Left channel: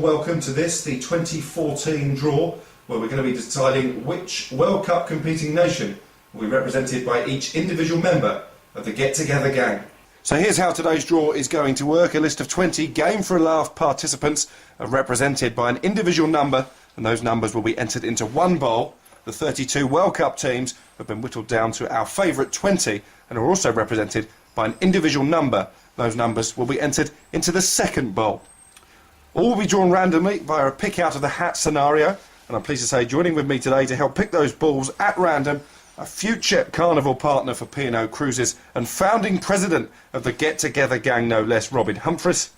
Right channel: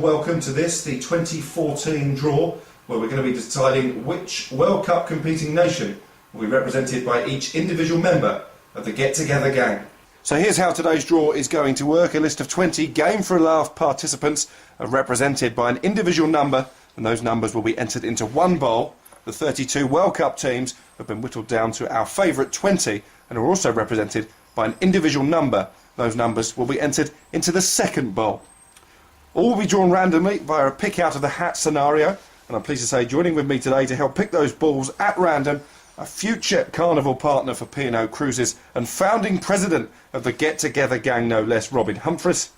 warm welcome to this, the 2014 draw, where we're going to be deciding which World Cup competing nation will be represented by each individual member of the Get Together gang. So here's how today's draw is going to work. A list of 20 Game for a Laugh participants are represented by an individual number, and those numbers will be entered into one bowl. The 32 World Cup teams have been whittled down to our favourite 20 and are also represented by an individual number. Those numbers will be entered into the second bowl. All will be drawn randomly via a pick out of the hat scenario, and I'm pleased to say joining with me today to help pick those balls at random, a future carnival partner for P&O Cruises and founding president of the Get Together gang, no less, Robin Humphries.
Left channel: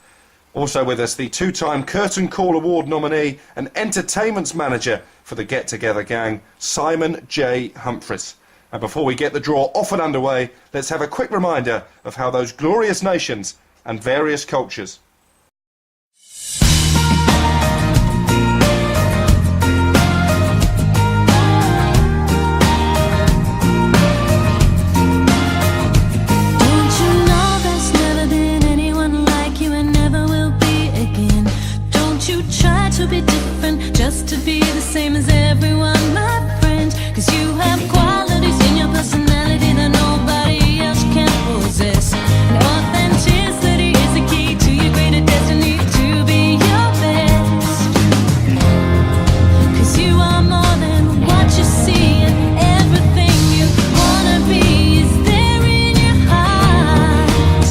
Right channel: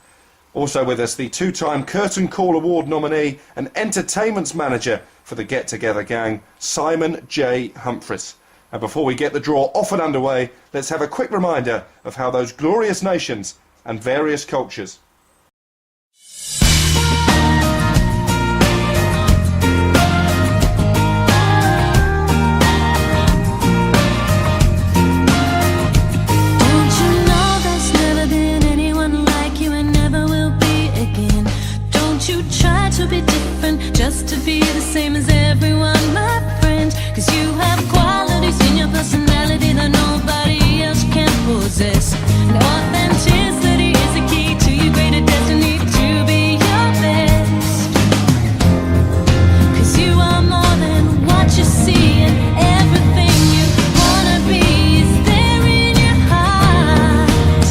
Also with us, the two-time Curtain Call Award nominee and entertainments manager for the Get Together gang, Simon J. Humphries. And before we get the draw off and underway, let's have a quick reminder of how those glorious nations and various cultures. To be different, just to be the same as everyone, my friend. Cause you have qualities in your personality that nobody else can possess. And authenticity is the key to your greater destiny, to be your best. Cause you are more than what you see, and everything you wanna be is there in your heart.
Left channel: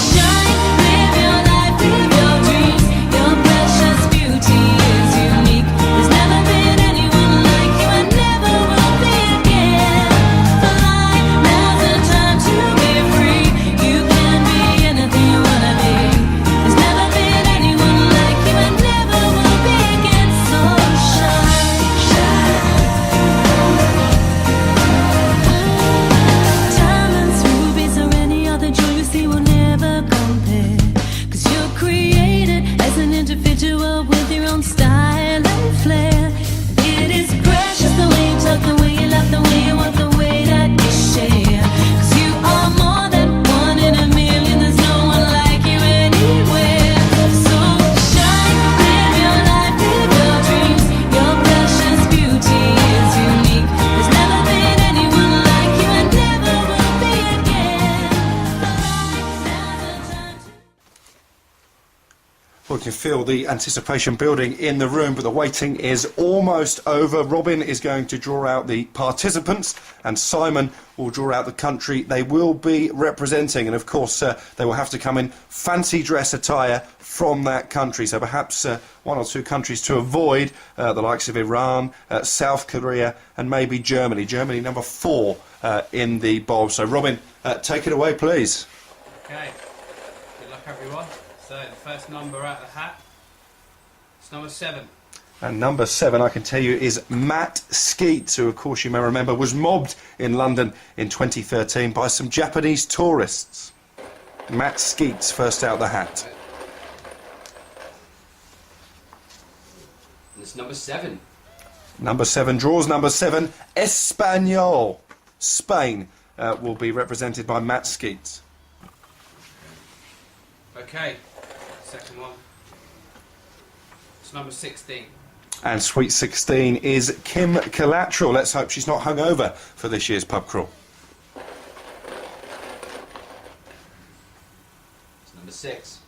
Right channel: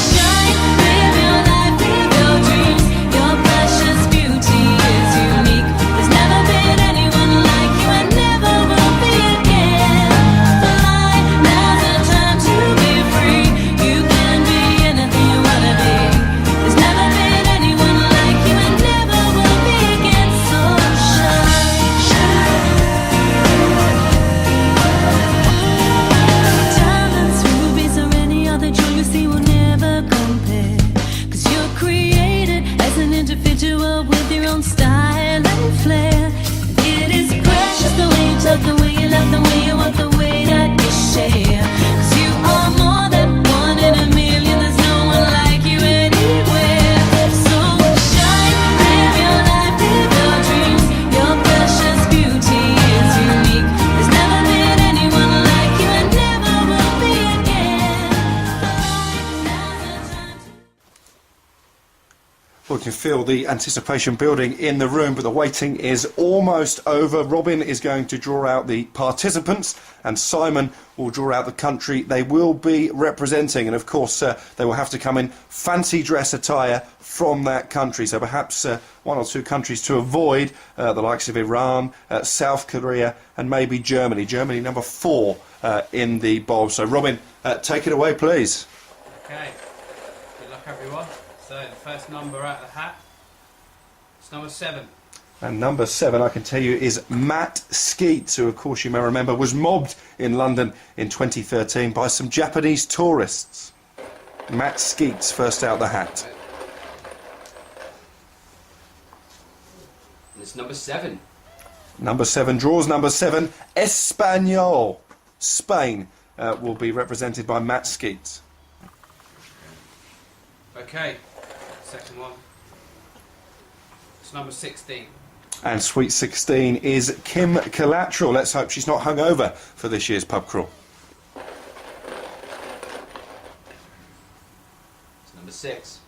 Shine, live your life, live your dreams. Your precious beauty is unique. There's never been anyone like you and never will be again. Fly, now's the time to be free. You can be anything you wanna be. There's never been anyone like you and never will be again. So shine, diamonds, rubies, or any other jewel you see will never compare. Cause you're created as an individual with your own style and flair. And it is precious the way you talk, the way you laugh, the way you walk, the way that you share. Cause you are more than one in a million. There's no one like you anywhere. So shine, live your life, live your dreams. Your precious beauty is unique. There's never been anyone like you and never will be again. Now's the time to... Well, you can feel the anticipation building in the room, but the waiting is almost over. Robin is going to draw out the participants, and Simon will draw out the country they will be representing. And of course, they will have to come in fancy dress attire from that country. So perhaps one or two countries to avoid, the likes of Iran, South Korea, and maybe Germany. Germany number 4 in the bowl. So Robin, take it away, please. Okay, good luck everyone. So the first number out of the hat, it's number 7. And number 7, I can tell you, is Matt Skeets, who of course you may remember was mobbed in London in 2013 by some Japanese tourists. Matt Skeets, first out the hat. And it's number 7. Number 7 draws number 7, Espanol. Spain will be represented by Matt Skeets. Okay, second one, it's number 16. And Sweet 16 is Kim Collateral. Let's hope she's not hungover for this year's pub crawl. It's number 6.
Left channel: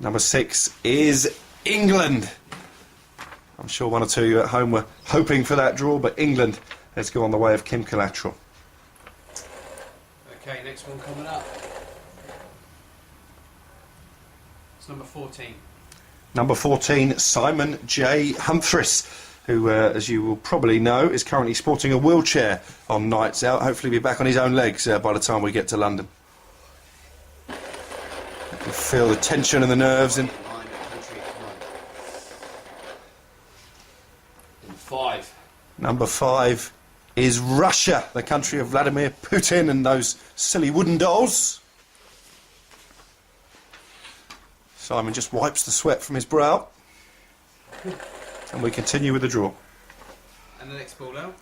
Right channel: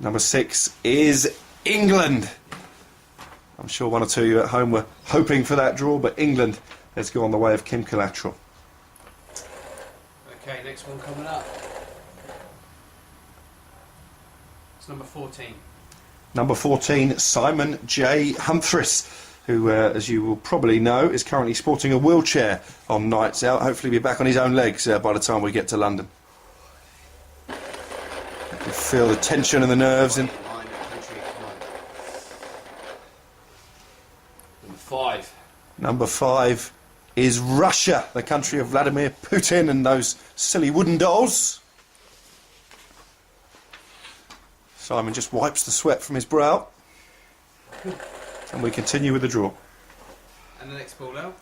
Number 6 is England. I'm sure one or two of you at home were hoping for that draw, but England has gone the way of Kim Collateral. Okay, next one coming up. It's number 14. Number 14, Simon J. Humphries, who, as you will probably know, is currently sporting a wheelchair on nights out. Hopefully be back on his own legs by the time we get to London. You can feel the tension and the nerves. Number 5. Number 5 is Russia, the country of Vladimir Putin and those silly wooden dolls. Simon just wipes the sweat from his brow. And we continue with the draw. And the next ball out,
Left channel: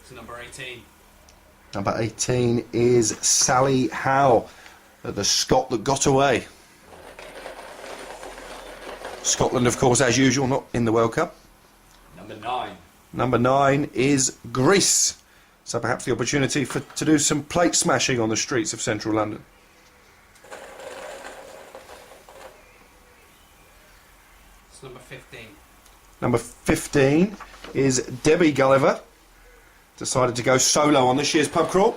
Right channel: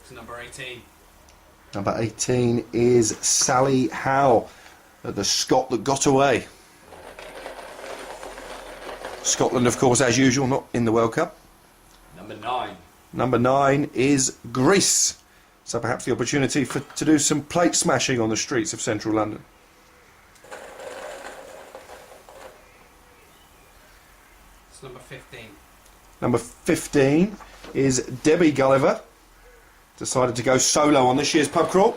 it's number 18. Number 18 is Sally Howe, the Scot that got away. Scotland, of course, as usual, not in the World Cup. Number 9. Number 9 is Greece. So perhaps the opportunity to do some plate smashing on the streets of central London. It's number 15. Number 15 is Debbie Gulliver. Decided to go solo on this year's pub crawl.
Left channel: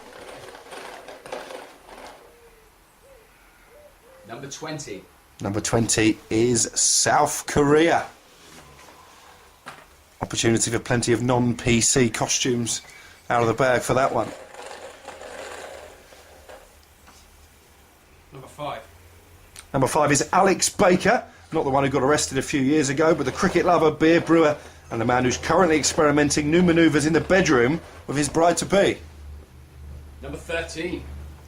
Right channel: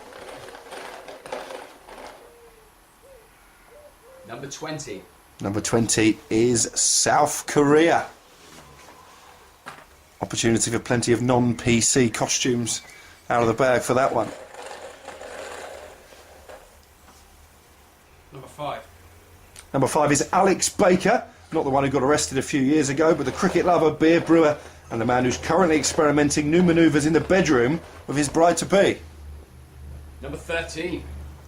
Number 20. Number 20 is South Korea. Opportunity for plenty of non-PC costumes out of the bag for that one. Number 5. Number 5 is Alex Baker, not the one who got arrested a few years ago, but the cricket lover, beer brewer, and the man who's currently experimenting new manoeuvres in the bedroom with his bride-to-be. Number 13.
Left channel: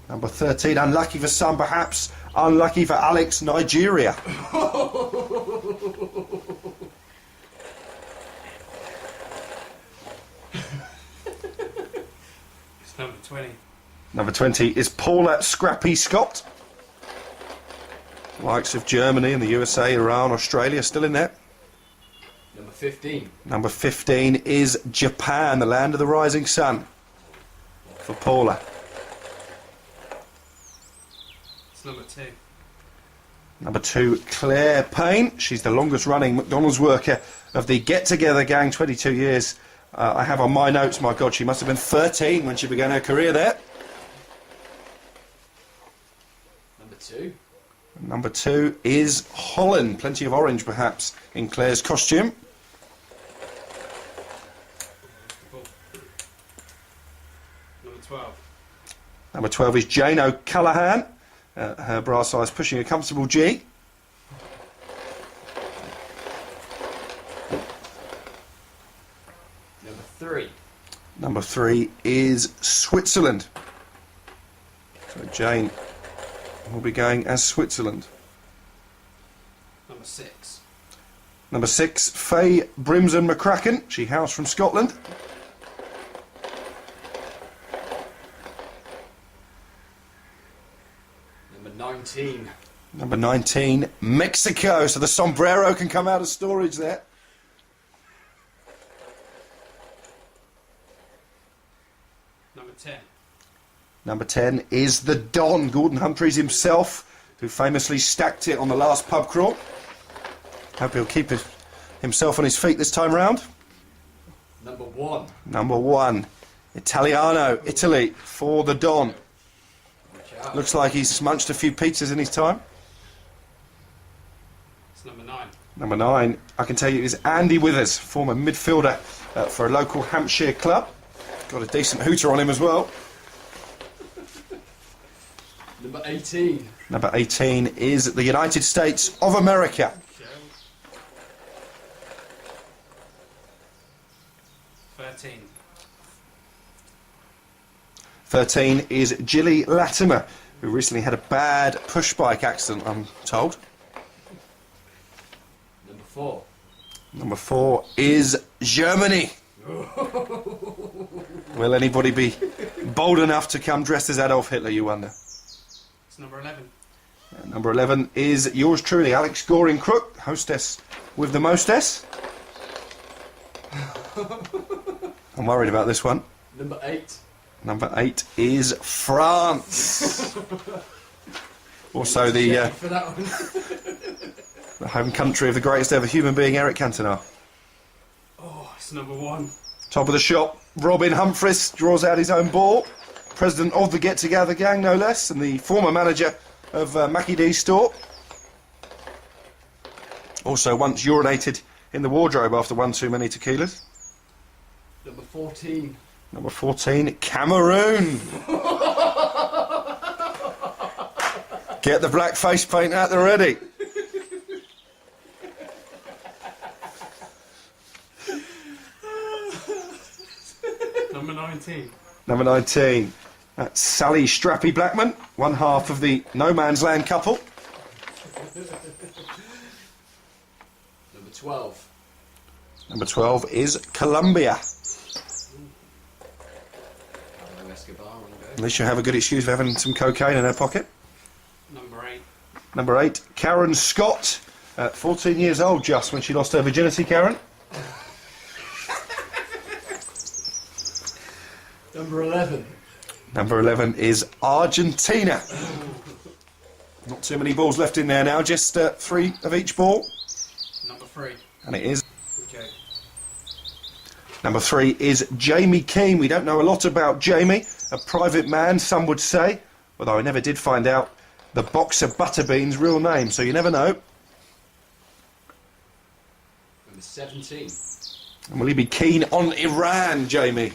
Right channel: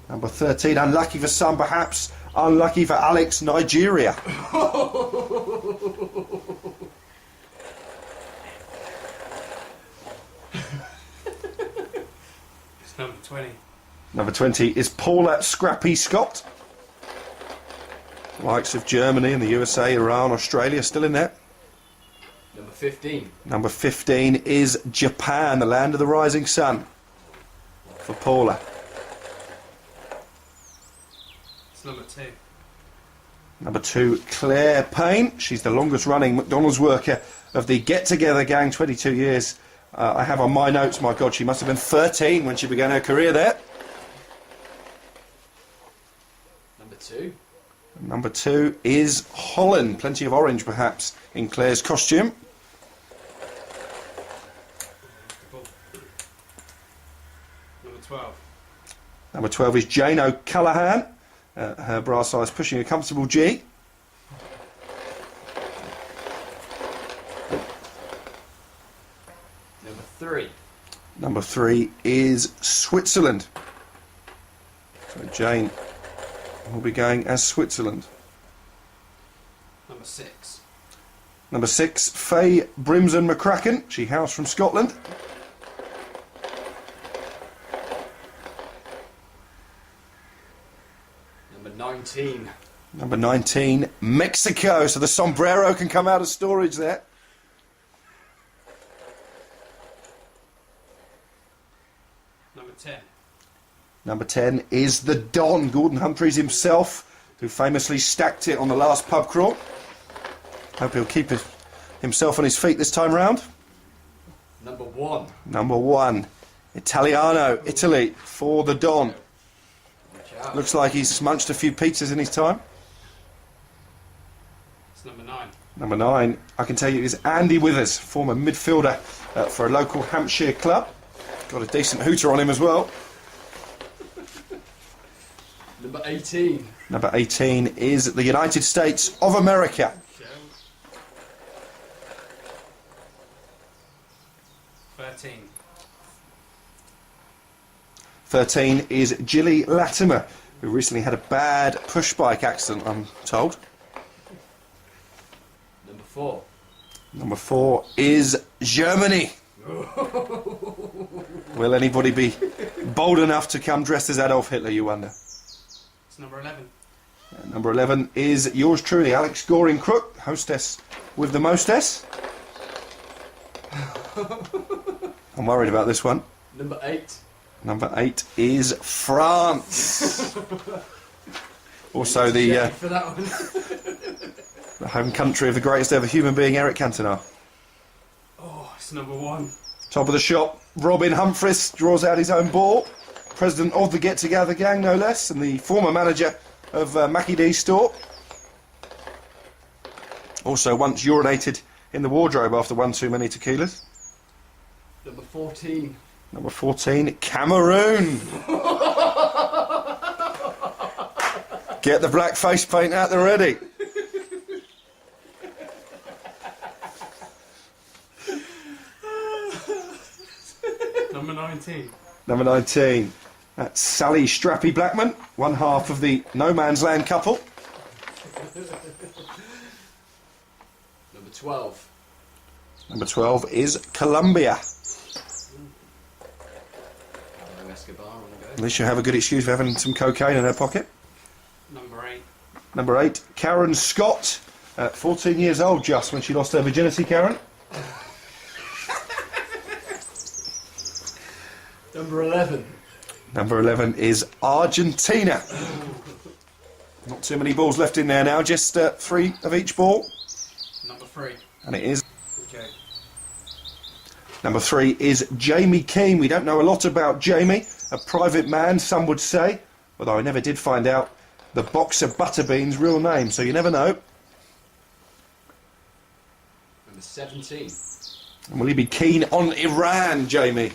Number 13, unlucky for some perhaps, unlucky for Alex, Nigeria. It's number 20. Number 20 is Paula Scrappy Scott. Likes of Germany and the USA, Iran, Australia, still in there. Number 15. Number 15 is Japan, the land of the rising sun, for Paula. It's number 2. Number 2, Claire Payne. She's the longest running McDonald's worker of the Get Together gang, 22 years. I have on my notes, my God, she must have been 13 when she began her career there. Number 2. Number 2 is Holland. Plenty of orange, perhaps, in Claire's costume. Number 12. Number 12 is Jane O'Callaghan. Her bra size pushing a comfortable G. Number 3. Number 3 is Switzerland. So Jane will be going as Switzerland. Number 6. Number 6, Faye Brimson McCracken. She hails from Scotland. Number 19. Number 19, Mexico. So the sombrero can come out of storage there. Number 10. Number 10 is the Don, Gordon Humphreys himself, who famously stacked it on the last pub crawl. Hope he'll keep himself on his feet this time round. Number 1. Number 1, Italiano, Italy, for the Don. Watch out. Looks like he's munched a few pizzas in his time. It's number 9. Number 9, I can tell you, is Andy Withers, former midfielder for a local Hampshire club. Got a decent hooter on him as well. Number 18. Number 18 is the United States of America. 13. 13 is Gilly Latimer, who recently had a bad push bike accident, I'm told. Number 4. Number 4 is Germany. Will anybody be bold enough to come dressed as Adolf Hitler, you wonder? It's number 11. Number 11 is yours truly, Alex Goring Crook, hostess with the mostess. I'm worried about this one. Number 8. Number 8 is France. Also the For that one. the home country of the greatest ever human being, Eric Cantona. Oh, it's number 1. Top of the shop, Robin Humphries draws out his own ball. President of the Get Together gang, no less, and the former manager of Mackie D's store. Also once urinated in the wardrobe after one too many tequilas. Number 14. Number 14, Cameroon. Get the black face paint out there ready. Number 19. Number 19, that's Sally Strappy Blackman, one half of the No Man's Land couple. Number 12. Number 12 is Colombia. Pablo Escobar on the go. At least you have a good excuse for having some cocaine in her pocket. Number 8. Number 8, Karen Scott, 14 years old just when she lost her virginity, Karen. Number 11. Number 11 is Argentina. Not too many balls left in there now, just 3 of each ball. Number 3. And it is. Okay. Number 3 is Jamie Keane. We don't know a lot about Jamie, a private man, some would say, although I never did find out the boxer Butterbean's real name, so you never know. Number 17. And will he be keen on Iran, Jamie?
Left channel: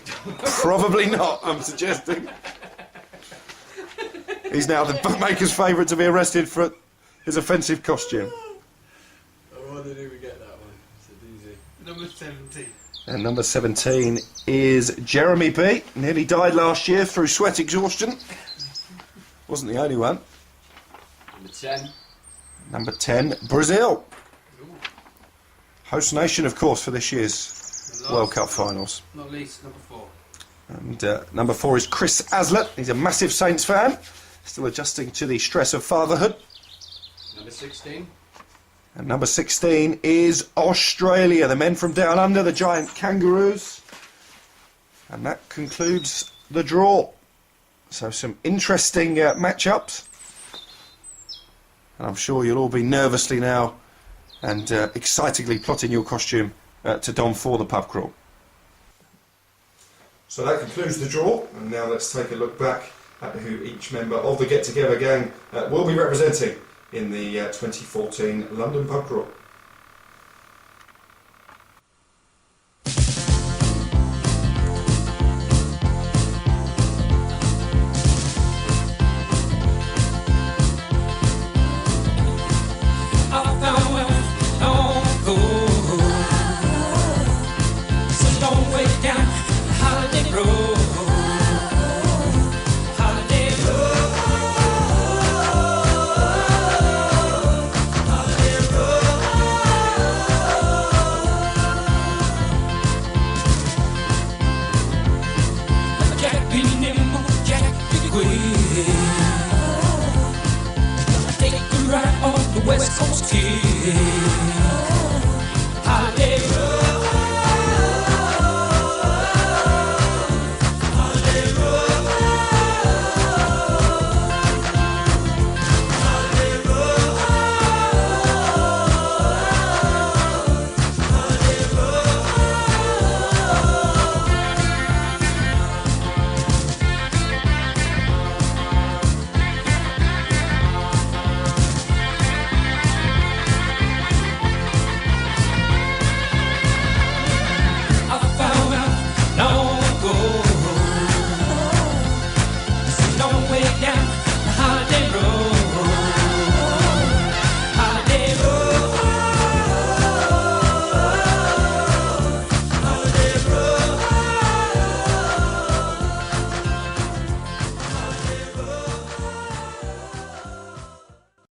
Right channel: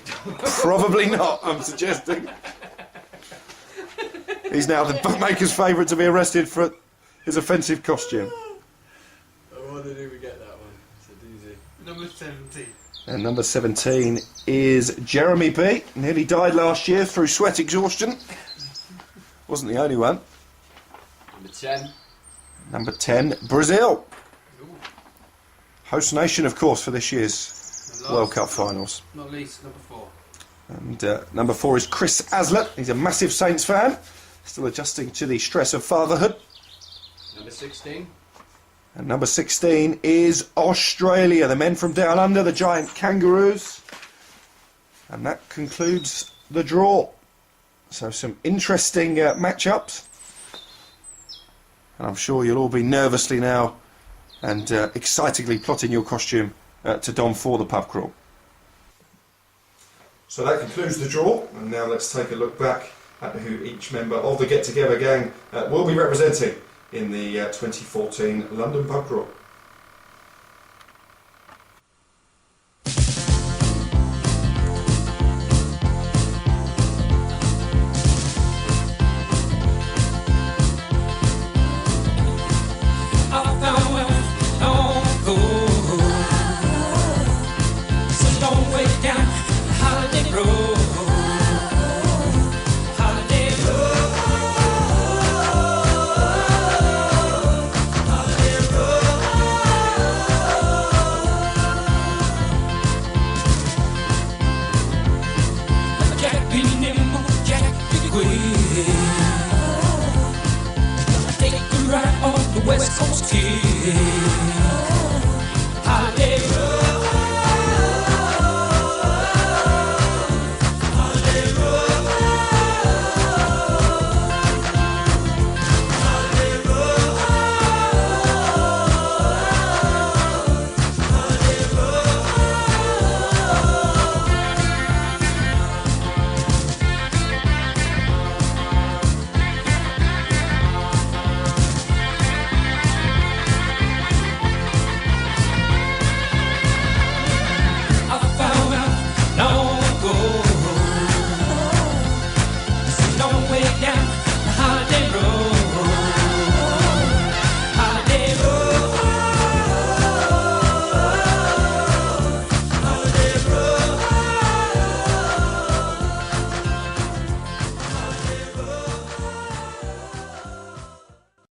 Probably not, I'm suggesting. He's now the bookmaker's favourite to be arrested for his offensive costume. I wonder if we get that one. It's a doozy. Number 17. And number 17 is Jeremy B. Nearly died last year through sweat exhaustion. Wasn't the only one. Number 10. Number 10, Brazil. Host nation, of course, for this year's World Cup finals. Not least, number 4. And number 4 is Chris Aslett. He's a massive Saints fan, still adjusting to the stress of fatherhood. Number 16. And number 16 is Australia, the men from down under, the giant kangaroos. And that concludes the draw. So some interesting matchups. And I'm sure you'll all be nervously now and excitedly plotting your costume to don for the pub crawl. So that concludes the draw, and now let's take a look back at who each member of the Get Together gang will be representing in the 2014 London Pub Crawl.